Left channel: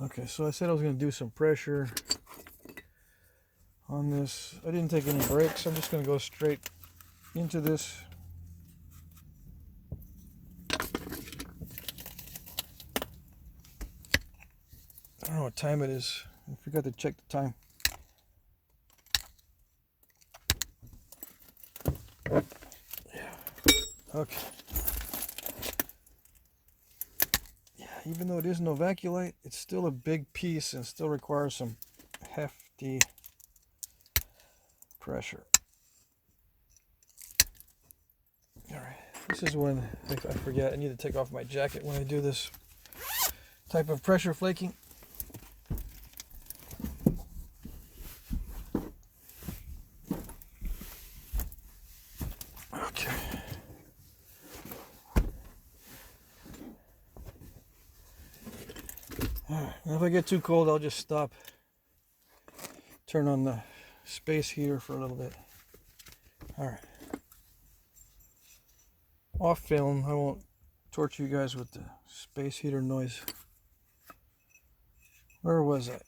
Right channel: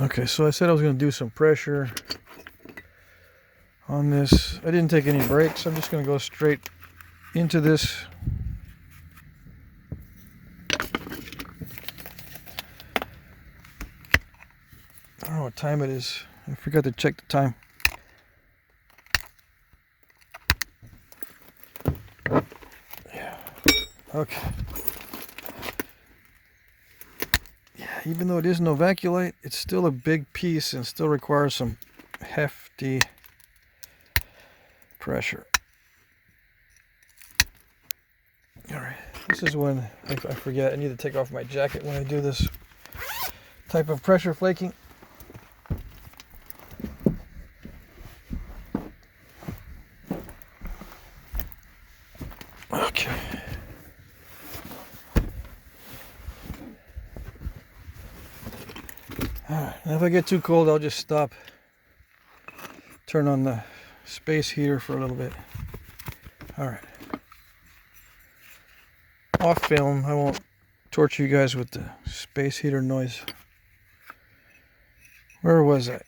Okay, so I said I was going to do some pressure on this. I didn't take any breaks. I'm just going to go straight into this. I don't know what time it is. I forgot to check the time. Yeah. Okay. Yeah, even though it is Novaculite, it's still a big piece and still requires some hefty pressure. Alright, this is when I forget I need to take off my jacket when I do this type of pressure flaking. Okay. Alright, now if I get too cold, I'll just stop. Turn on the space heater for a little bit. Alright. Off film, I won't torture you guys with the space heater noise. Where was I?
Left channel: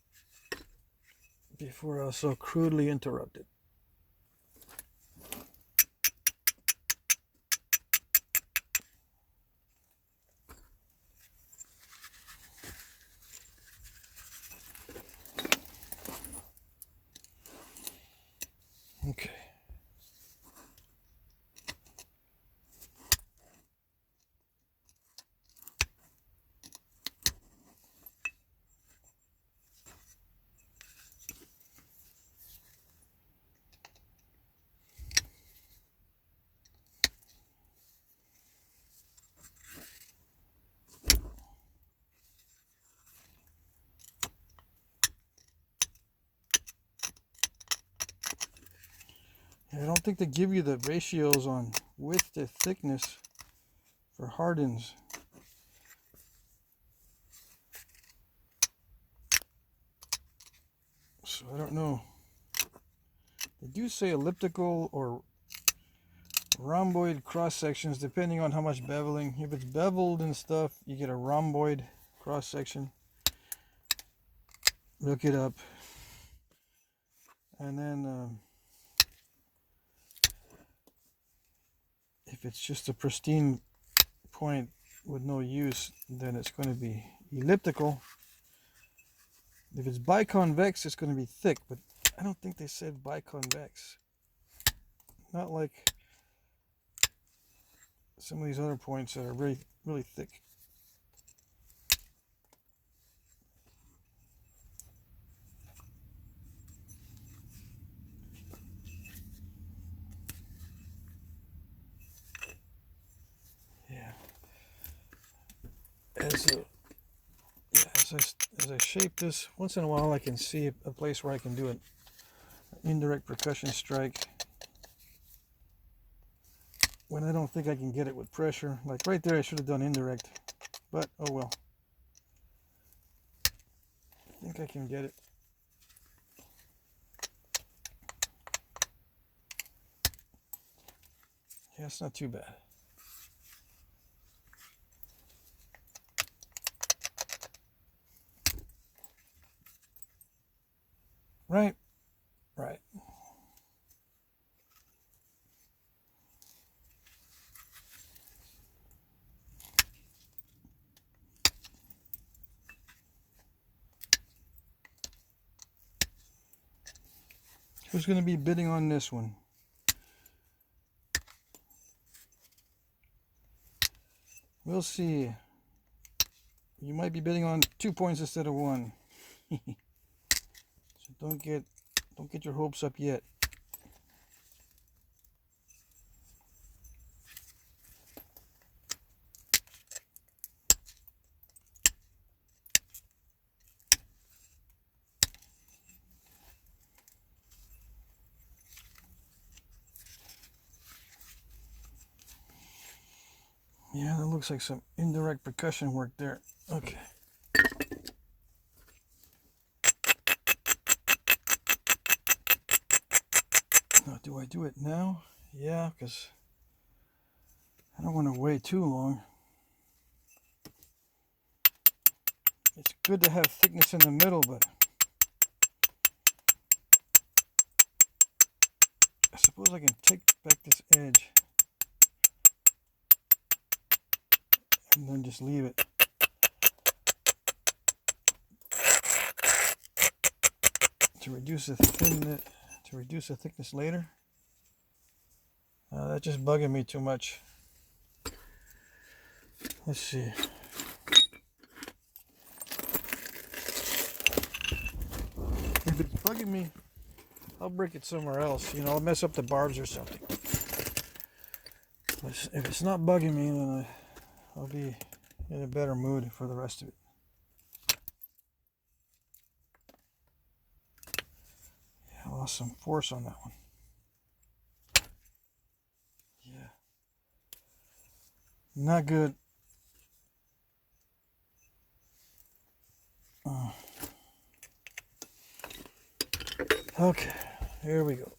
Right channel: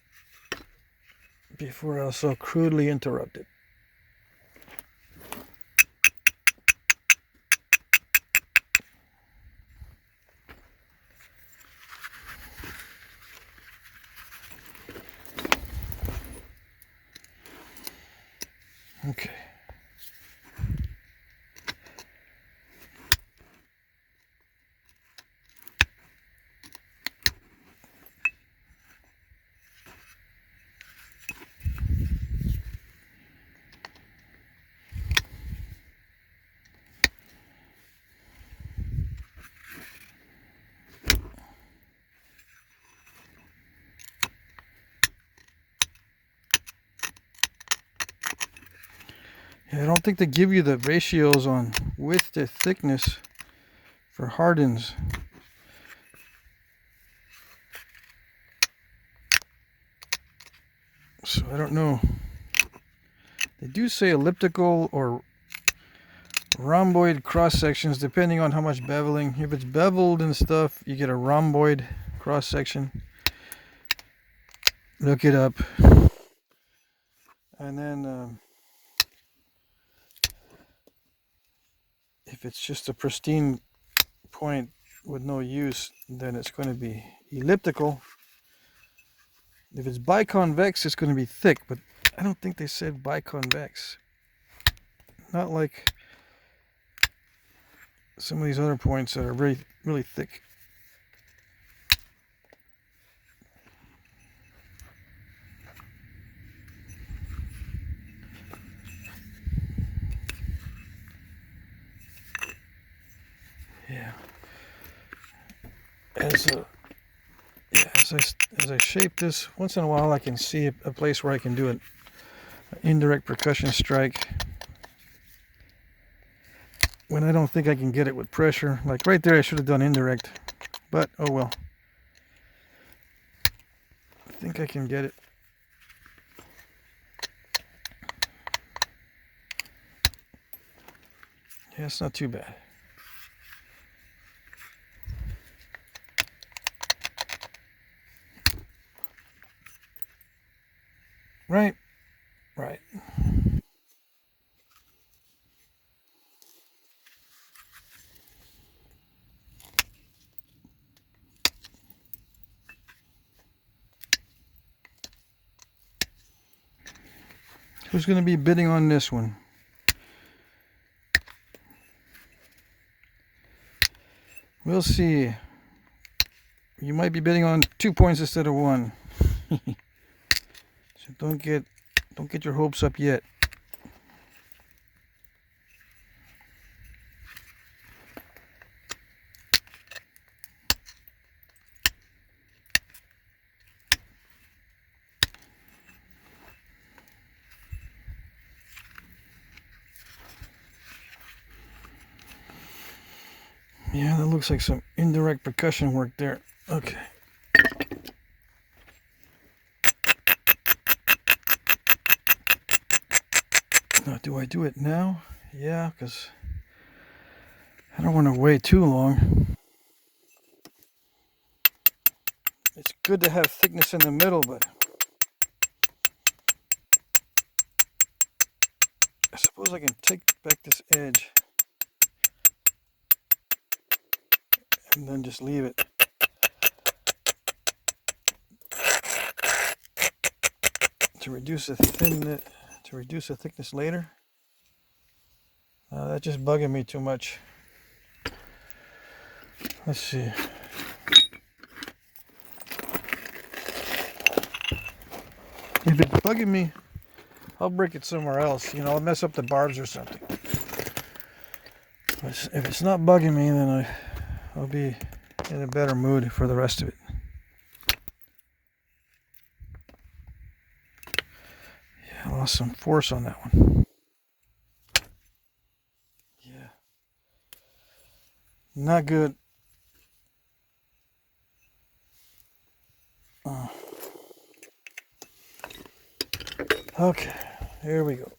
Before I was so crudely interrupted. Okay. Yeah, I don't think they give you the ratios on width to thickness for Hardins. So I don't know. They do say elliptical or rhomboid cross sections depending on how much beveling. If it's beveled and stuff, you get a rhomboid cross section. Look it up. And then if it's just a pristine point with no use, then it's going to be elliptical. If it's biconvex, it's going to be thick, but I don't think they said biconvex. Not like some of these other points that are really, really thick. Yeah. As I shape this, once in a while I can see a place where I can do an indirect percussion strike when I don't think I can get it with pressure. Like right there I should have done indirect, but oh well. I think I can get it. Yeah, it's not too bad. Right? Right. Who's going to be bidding on this one? We'll see. You might be bidding on 2 points instead of 1. So don't get your hopes up yet. Yeah, that looks like some indirect percussion work there. Okay. Now, do I do it now? Yeah, because I don't want to wait too long. It's good to have thickness in the middle, but I suppose I can take back this edge and then just leave it. To reduce the thickness later. That's just bugging me too much. Let's see. If it's bugging me, I'll break it somewhere else. I'll mess up the barbs or something. But if it's not bugging me, then I'll be in a better mood for the rest of it. Yeah, I lost some force on that one. Yeah. Not good. Okay, here we go.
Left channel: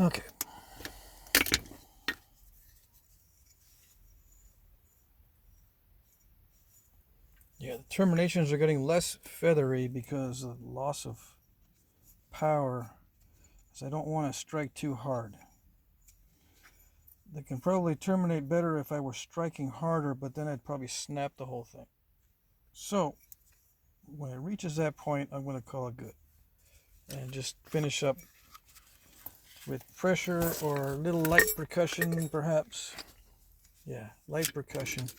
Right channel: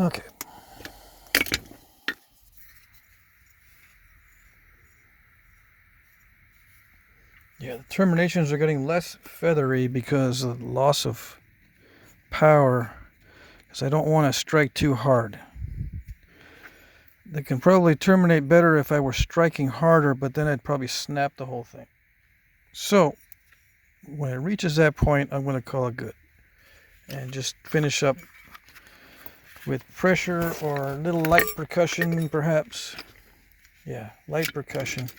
Okay. Yeah, the terminations are getting less feathery because of the loss of power, because I don't want to strike too hard. They can probably terminate better if I were striking harder, but then I'd probably snap the whole thing. So when it reaches that point, I'm going to call it good and just finish up with pressure or a little light percussion, perhaps. Yeah, light percussion.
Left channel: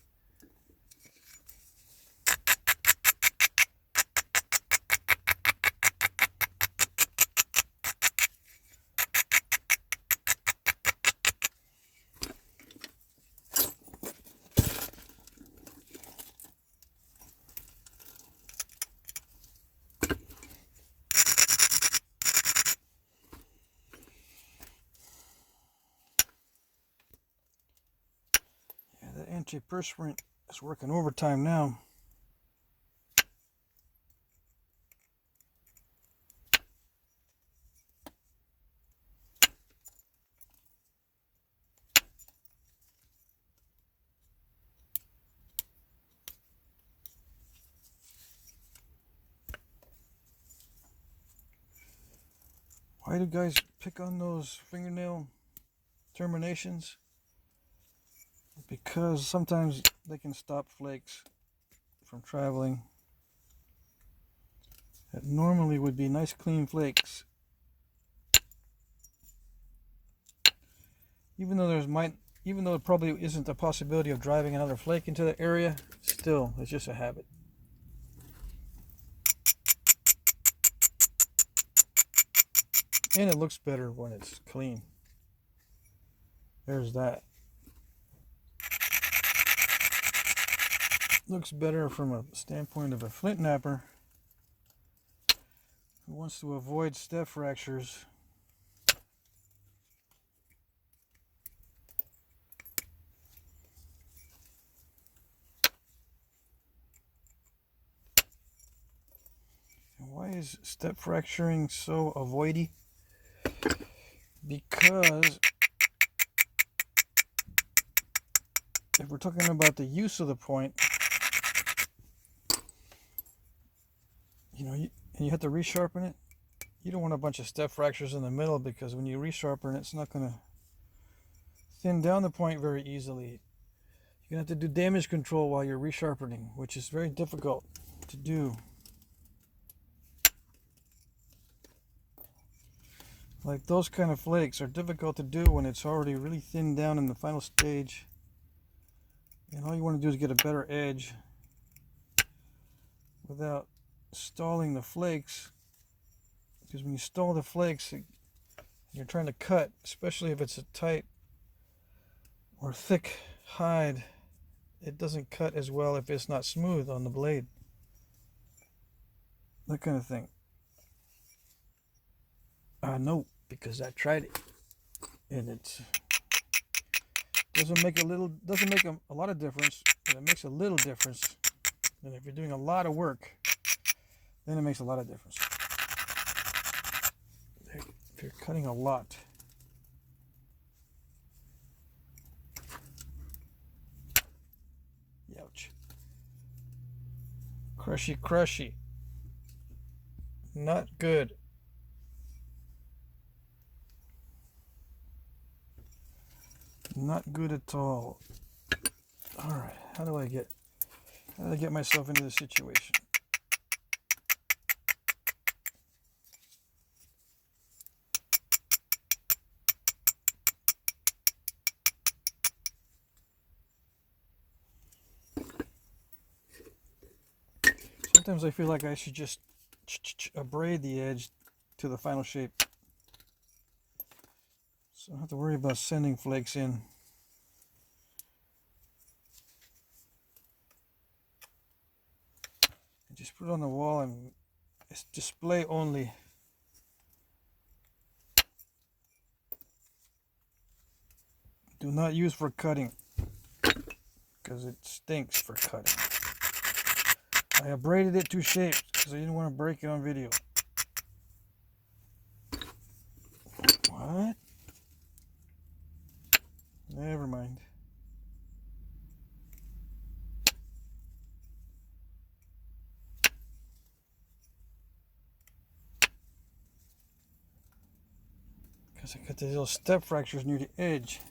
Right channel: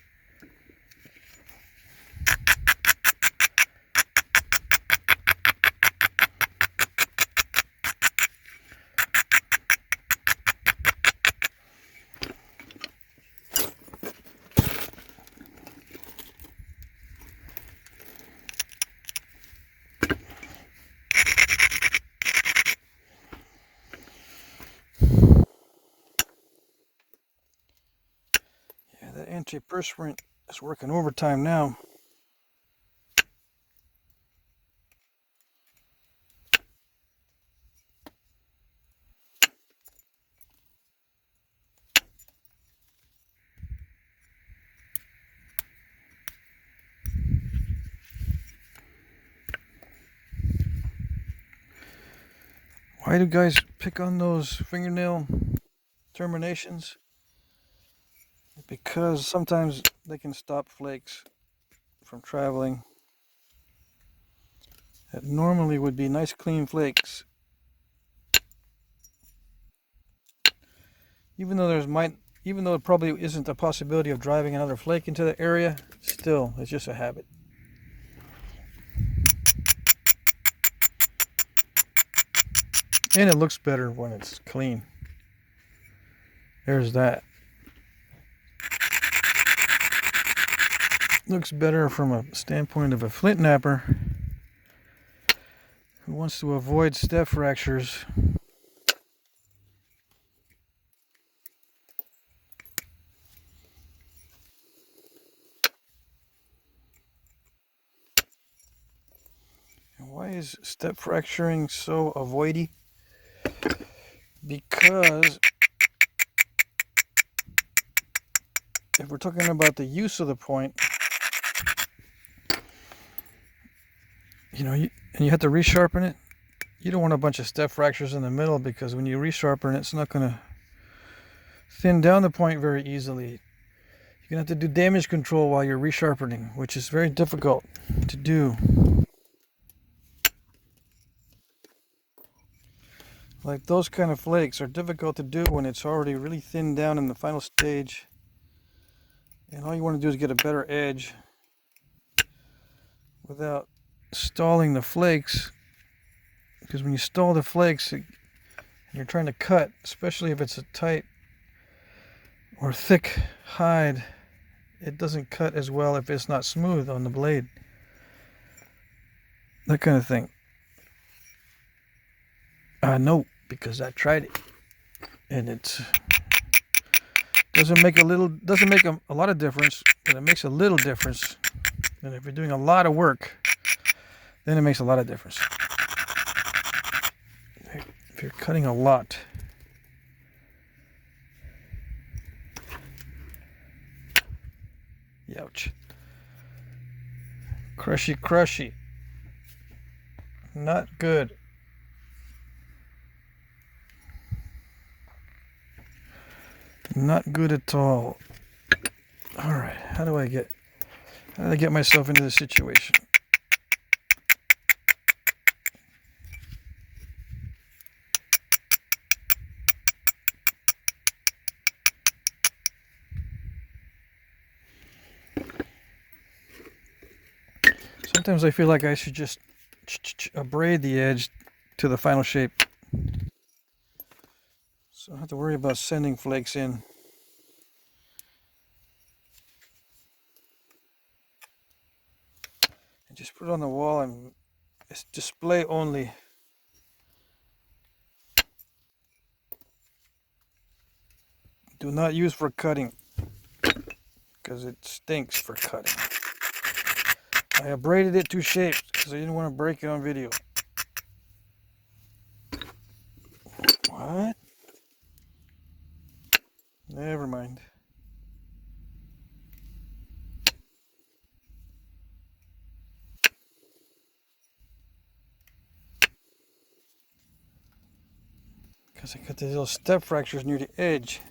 Yeah, that antiperspirant is working overtime now. Why do guys pick on those fingernail terminations? Because sometimes they can stop flakes from traveling. That normally would be nice clean flakes. Even though there probably isn't a possibility of driving another flake into the area, still, it's just a habit. And it looks better when it's clean. There's that. Looks better from a standpoint of a flint napper who wants to avoid step fractures. And why is step fracturing so avoidy? Because if we're talking about the use of the point, and you have to resharpen it, you don't want a bunch of step fractures in the middle, because when you resharpen it, it's not going to thin down the point very easily. You're going to have to do damage control while you're resharpening, which is very difficult to do. Like those kind of flakes are difficult to do when it's already really thinned down in the final stage. And all you want to do is get a better edge without stalling the flakes. Because when you stall the flakes, you're trying to cut, especially if it's a tight or thick hide, it doesn't cut as well if it's not smooth on the blade. That kind of thing. I know, because I tried it, and it doesn't make a lot of difference, but it makes a little difference. And if you're doing a lot of work, then it makes a lot of difference. If you're cutting a lot. Ouch. Crushy, crushy. Not good. Not good at all. All right, how do I get myself into this situation? Sometimes I feel like I should just abrade the edge to the final shape, so I don't have to worry about sending flakes in. And just put it on the wall, and it's display only. Do not use for cutting, because it stinks for cutting. I abraded it to shape because I didn't want to break it on video. What? Never mind. Because I got these little step fractures near the edge.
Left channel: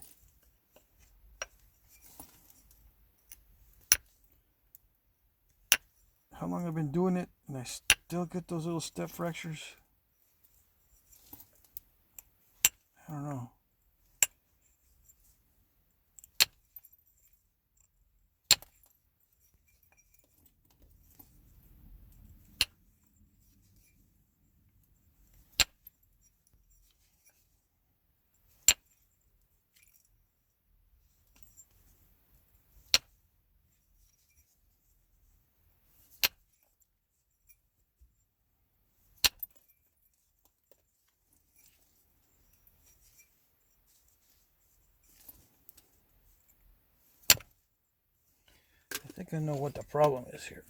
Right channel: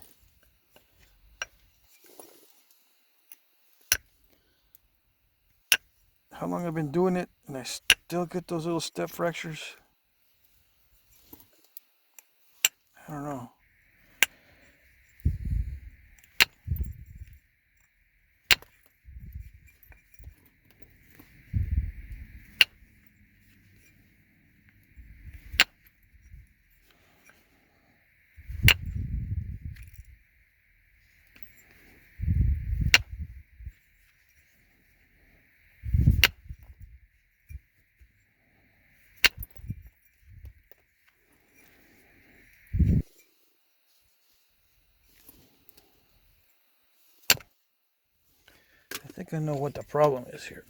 How long I've been doing it and I still get those little step fractures? I don't know. I think I know what the problem is here.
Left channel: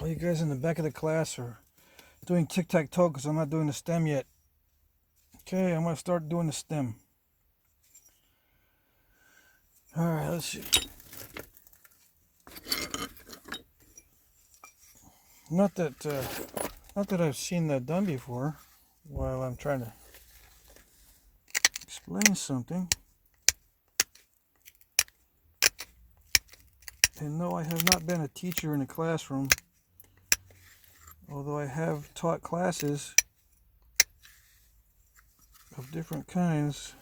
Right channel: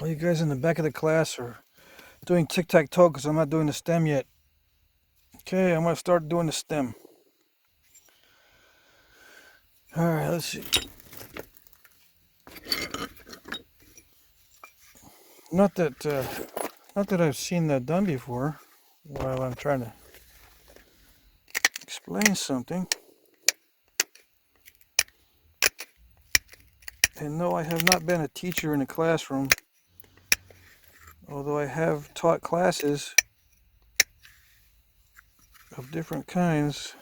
All you guys in the back of the class are doing tic-tac-toe because I'm not doing the stem yet. Okay, I'm going to start doing the stem. Alright, let's see. Not that I've seen that done before while I'm trying to explain something. And no, I have not been a teacher in a classroom, although I have taught classes of different kinds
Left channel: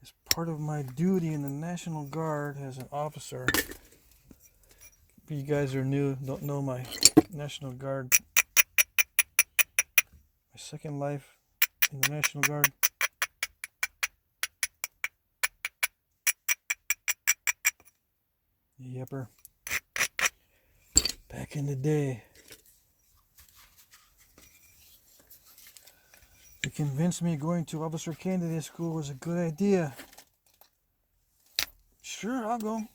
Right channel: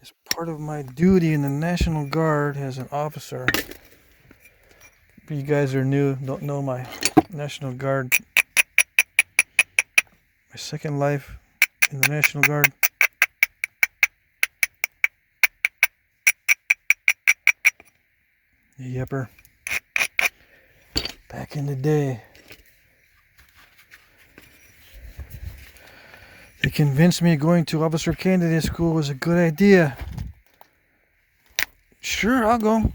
as part of my duty in the National Guard as an officer. If you guys are new, don't know my National Guard, my second life in the National Guard. Yepper. Back in the day. They convinced me going to officer candidate school was a good idea. Sure, I'll go.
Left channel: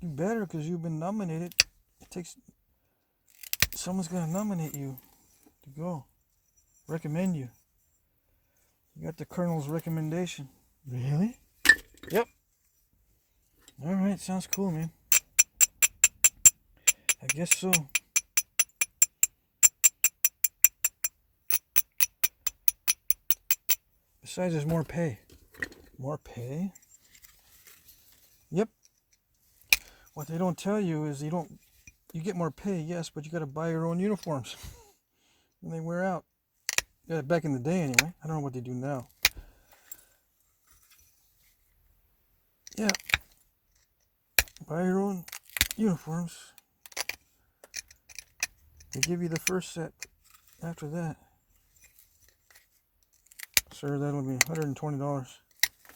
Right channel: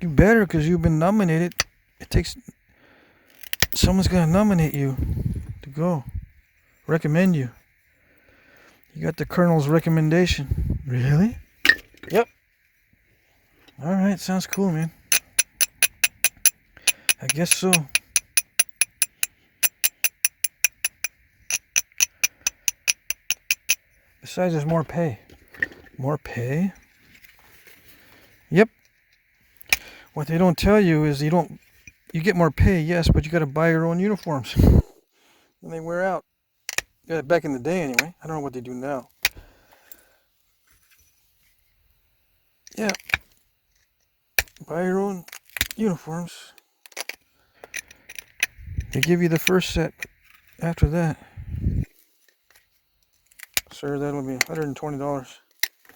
You better, because you've been nominated. It takes... Someone's going to nominate you to go. Recommend you. You got the colonel's recommendation. Really? Yep. Alright, sounds cool, man. I guess so. Besides, there's more pay. More pay? Yep. What they don't tell you is you get more pay, yes, but you got to buy your own uniforms when they wear out. Yeah, back in the day, anyway. I don't know what they do now. Yeah. Buy your own uniforms. They give you the first set. After that, sir, that'll be $120.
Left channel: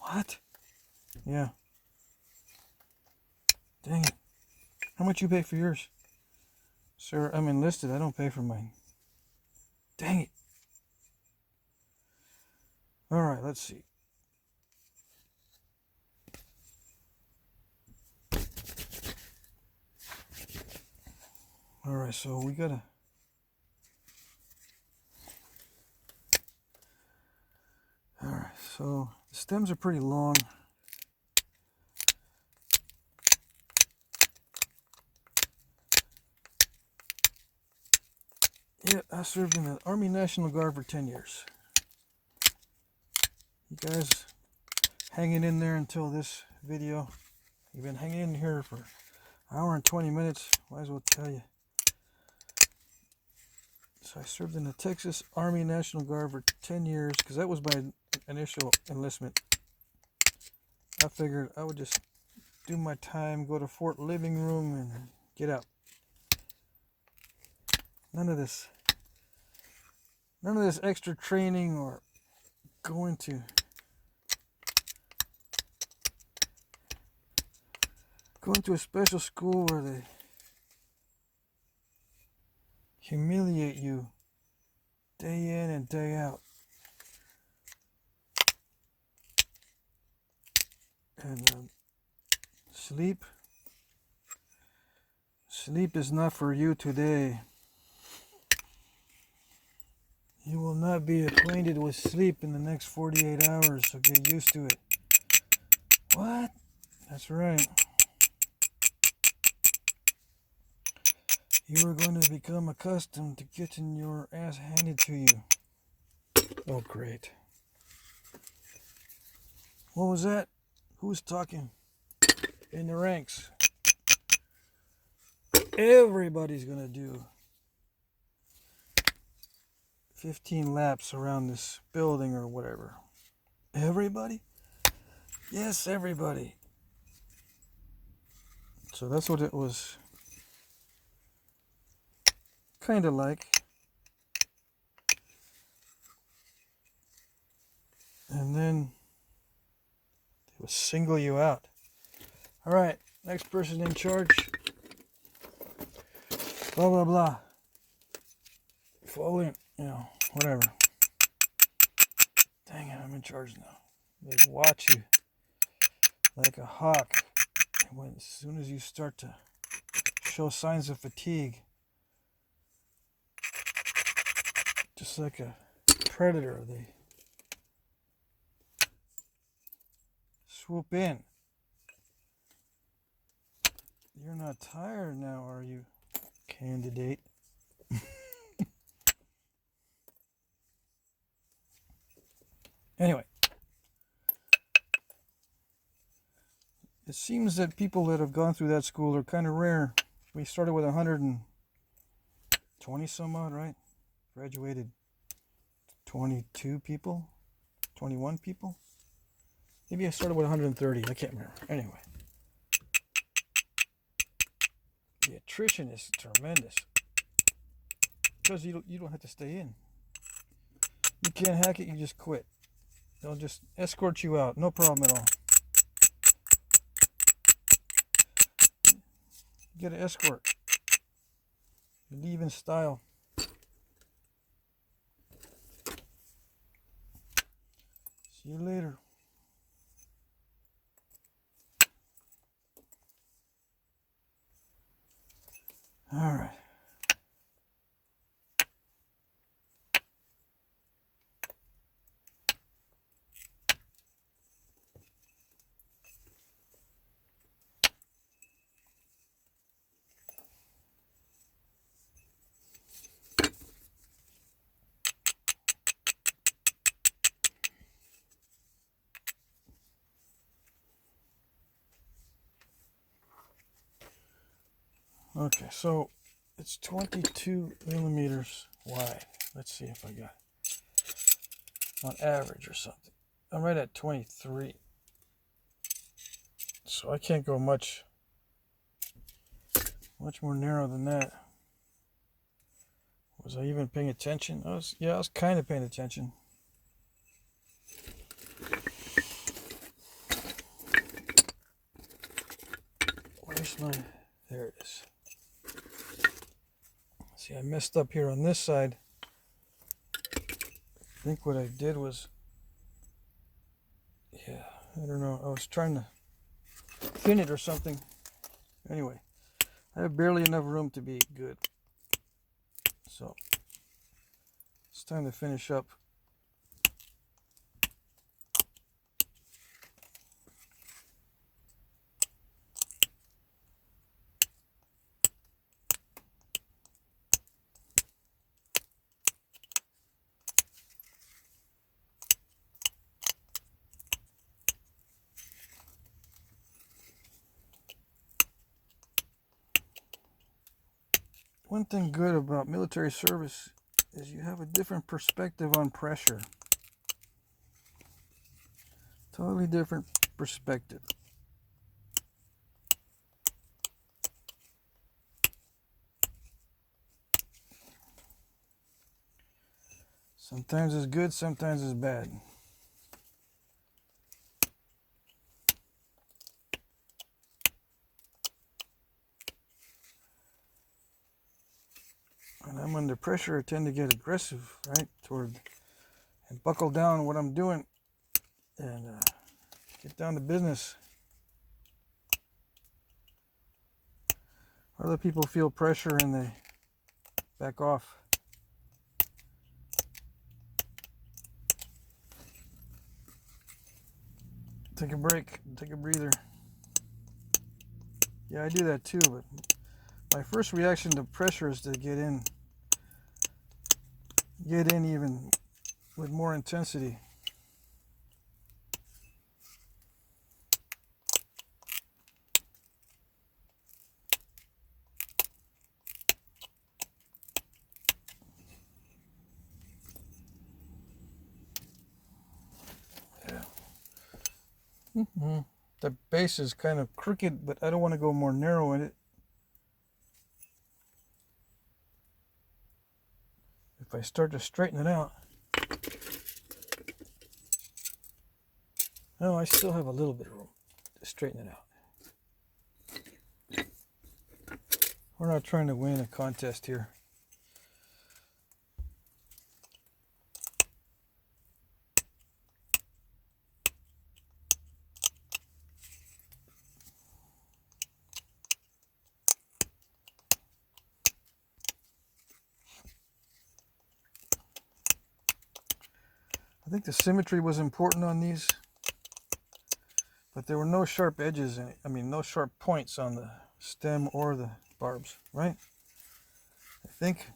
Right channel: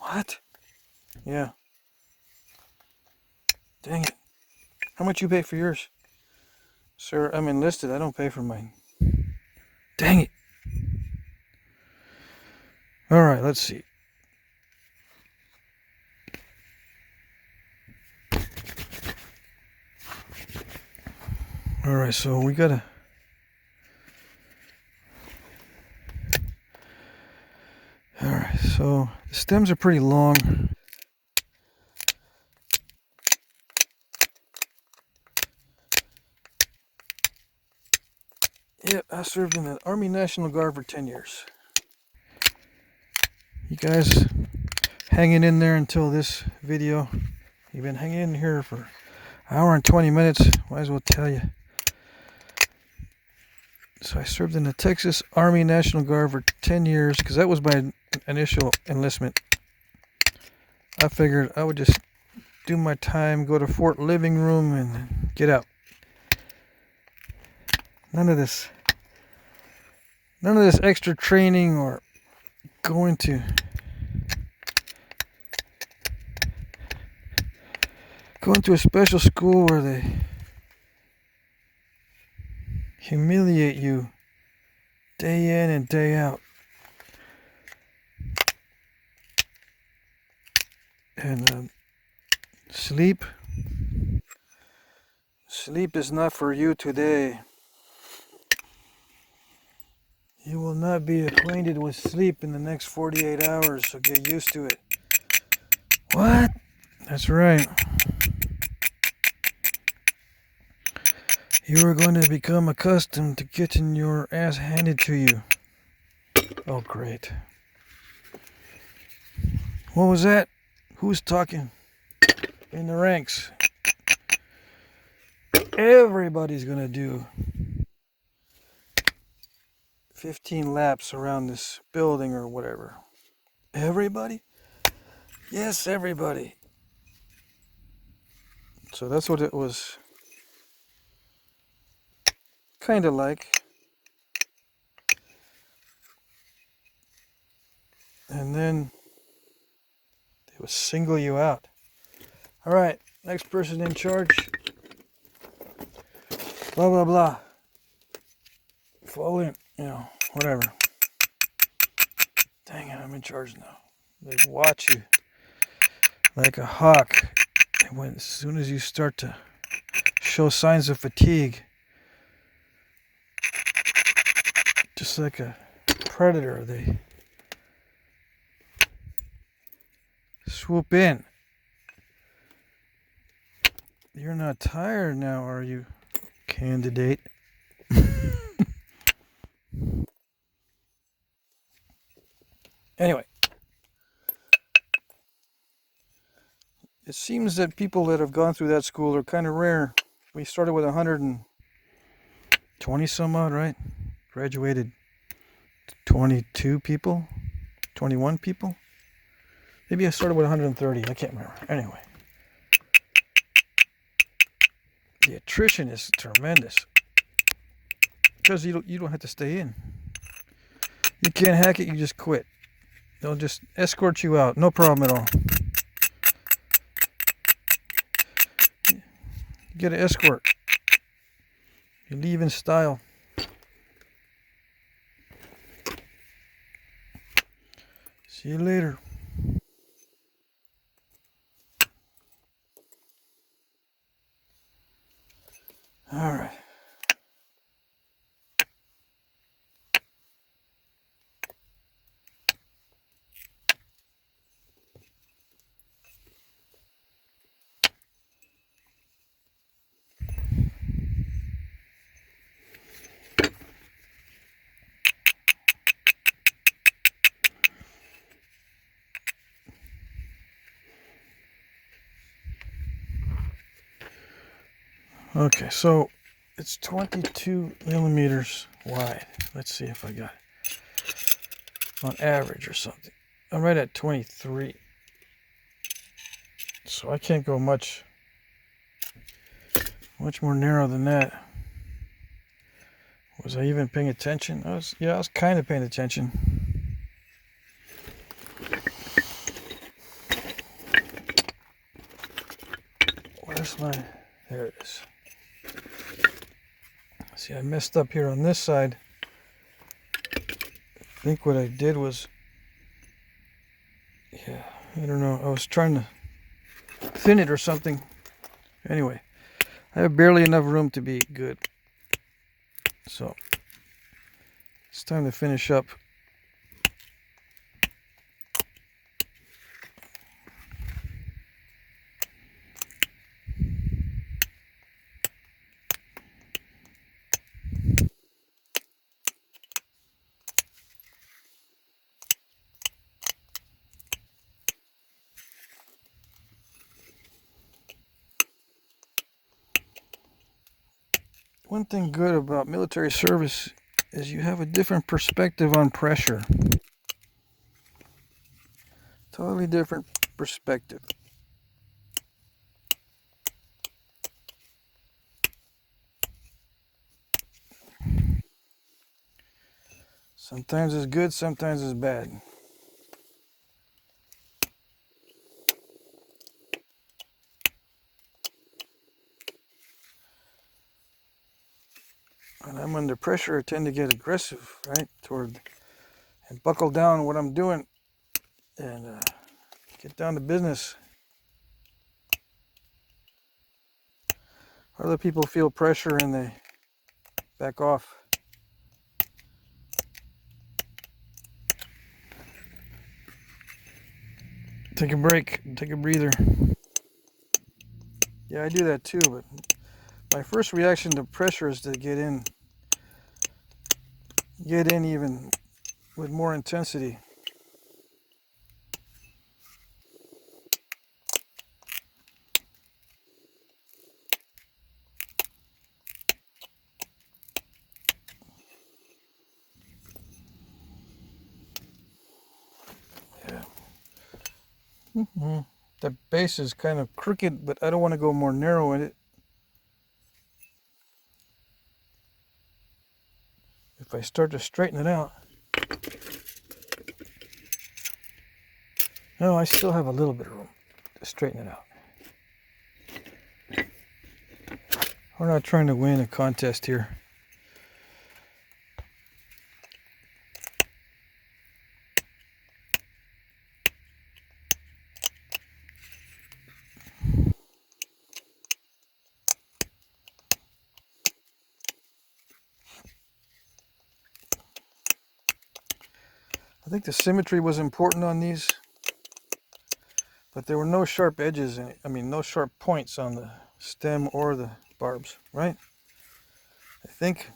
What? Yeah. Dang it. How much you pay for yours? Sir, I'm enlisted. I don't pay for mine. Dang it. Alright, let's see. Alright, so we gotta... Alright, so the stems are pretty long. Yeah, I served in the Army National Guard for 10 years. You guys hanging in there until this video. You've been hanging in here for an hour and 20 minutes. Might as well tell you. So I served in the Texas Army National Guard for 10 years because that was my initial enlistment. I figured I would just do my time, go to Fort Living Room, and get out. None of this extra training or going to a special school where they humiliate you day in and day out. And sleep is not for you today. You will not be acquainted with sleep in the next 48 hours, so get used to it. What? That's right. You are going to become accustomed to getting your ass handed to you. Oh, great. What was that? Who's talking? In the ranks. Everybody's going to do 15 laps around this building or whatever. Everybody? Yes, everybody. So that's what it was kind of like. And then they would single you out. All right, next person in charge. Blah, blah, blah. Fall in, whatever. Dang it, I'm in charge now. They watch you like a hawk. And as soon as you start to show signs of fatigue, just like a predator, they swoop in. You're not tired now, are you, candidate? Anyway, it seems that people that have gone through that school are kind of rare. We started with 120 some odd, right? Graduated 22 people, 21 people. Maybe I started with 130. I can't remember. Anyway, the attrition is tremendous because you don't have to stay in. You can't hack it. You just quit. They'll just escort you out. No problem at all. You get an escort. You leave in style. See you later. All right. Okay, so it's 22 millimeters wide. Let's see if I got it on average or something. I'm right at 23. So I can't go much more narrow than that. Was I even paying attention? I was kind of paying attention. Where's my... There it is. See, I messed up here on this side. I think what I did was... Yeah, I don't know. I was trying to thin it or something. Anyway, I have barely enough room to be good. So, it's time to finish up. One thing good about military service is you have a different perspective on pressure. Totally different perspective. Sometimes it's good, sometimes it's bad. When I'm under pressure, I tend to get aggressive, right? And buckle down what I'm doing and get down to business. Other people feel pressure and they back off. Take a break, take a breather. Yeah, I do that too, but my first reaction to pressure is to get in even with more intensity. Yeah. The base is kind of crooked, but I don't want to go more narrow in it. If I start to straighten it out. No, I still have a little bit of room to straighten it out. We're not trying to win a contest here. I think the symmetry was important on these, but there were no sharp edges in it. I mean, no sharp points on the stem or the barbs, right? I think.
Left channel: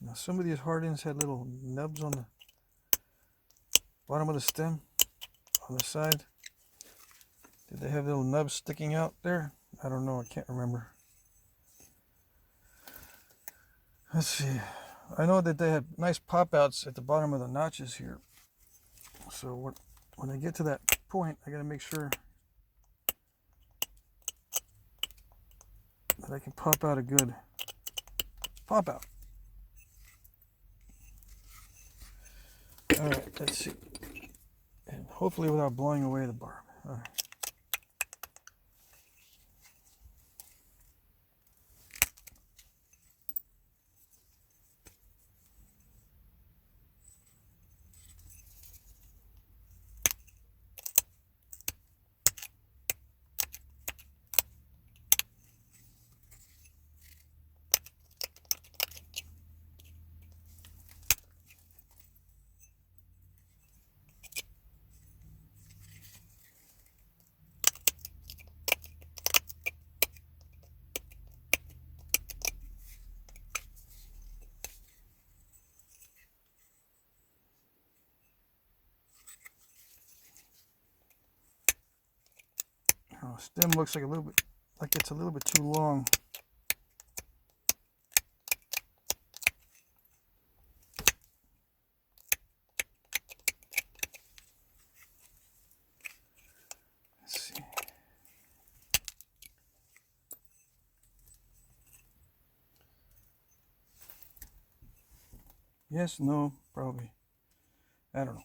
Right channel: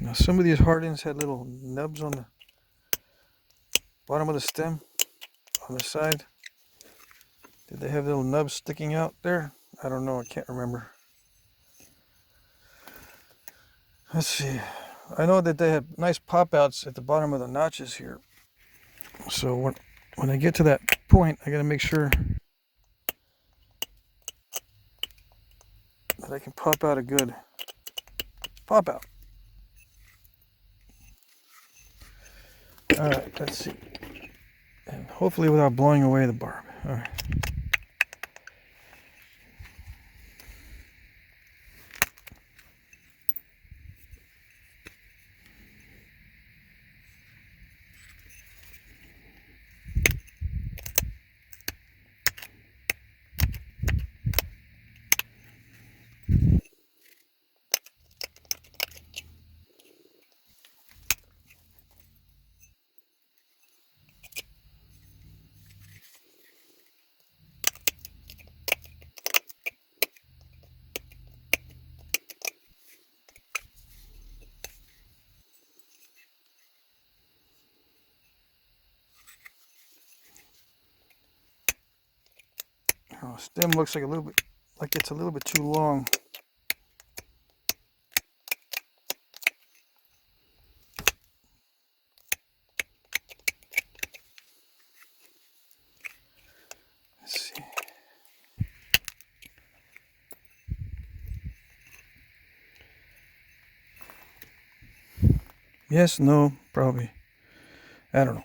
Now, some of these Hardins had little nubs on the bottom of the stem, on the side. Did they have little nubs sticking out there? I don't know, I can't remember. Let's see. I know that they had nice pop outs at the bottom of the notches here. So when I get to that point, I gotta make sure that I can pop out a good pop out. All right, let's see. And hopefully without blowing away the barb. All right. Oh, stem looks like it's a little bit too long. Let's see. Yes, no, probably. I don't know.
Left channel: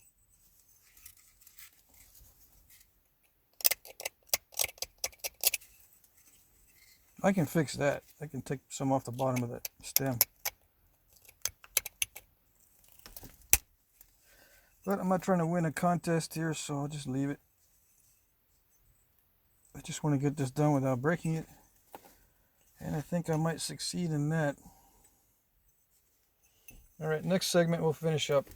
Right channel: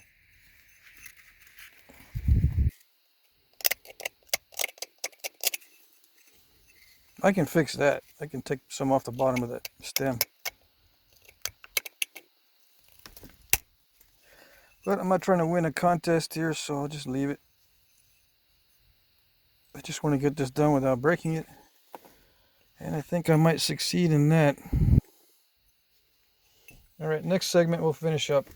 I can fix that. I can take some off the bottom of that stem. But I'm not trying to win a contest here, so I'll just leave it. I just want to get this done without breaking it. And I think I might succeed in that. All right, next segment we'll finish up.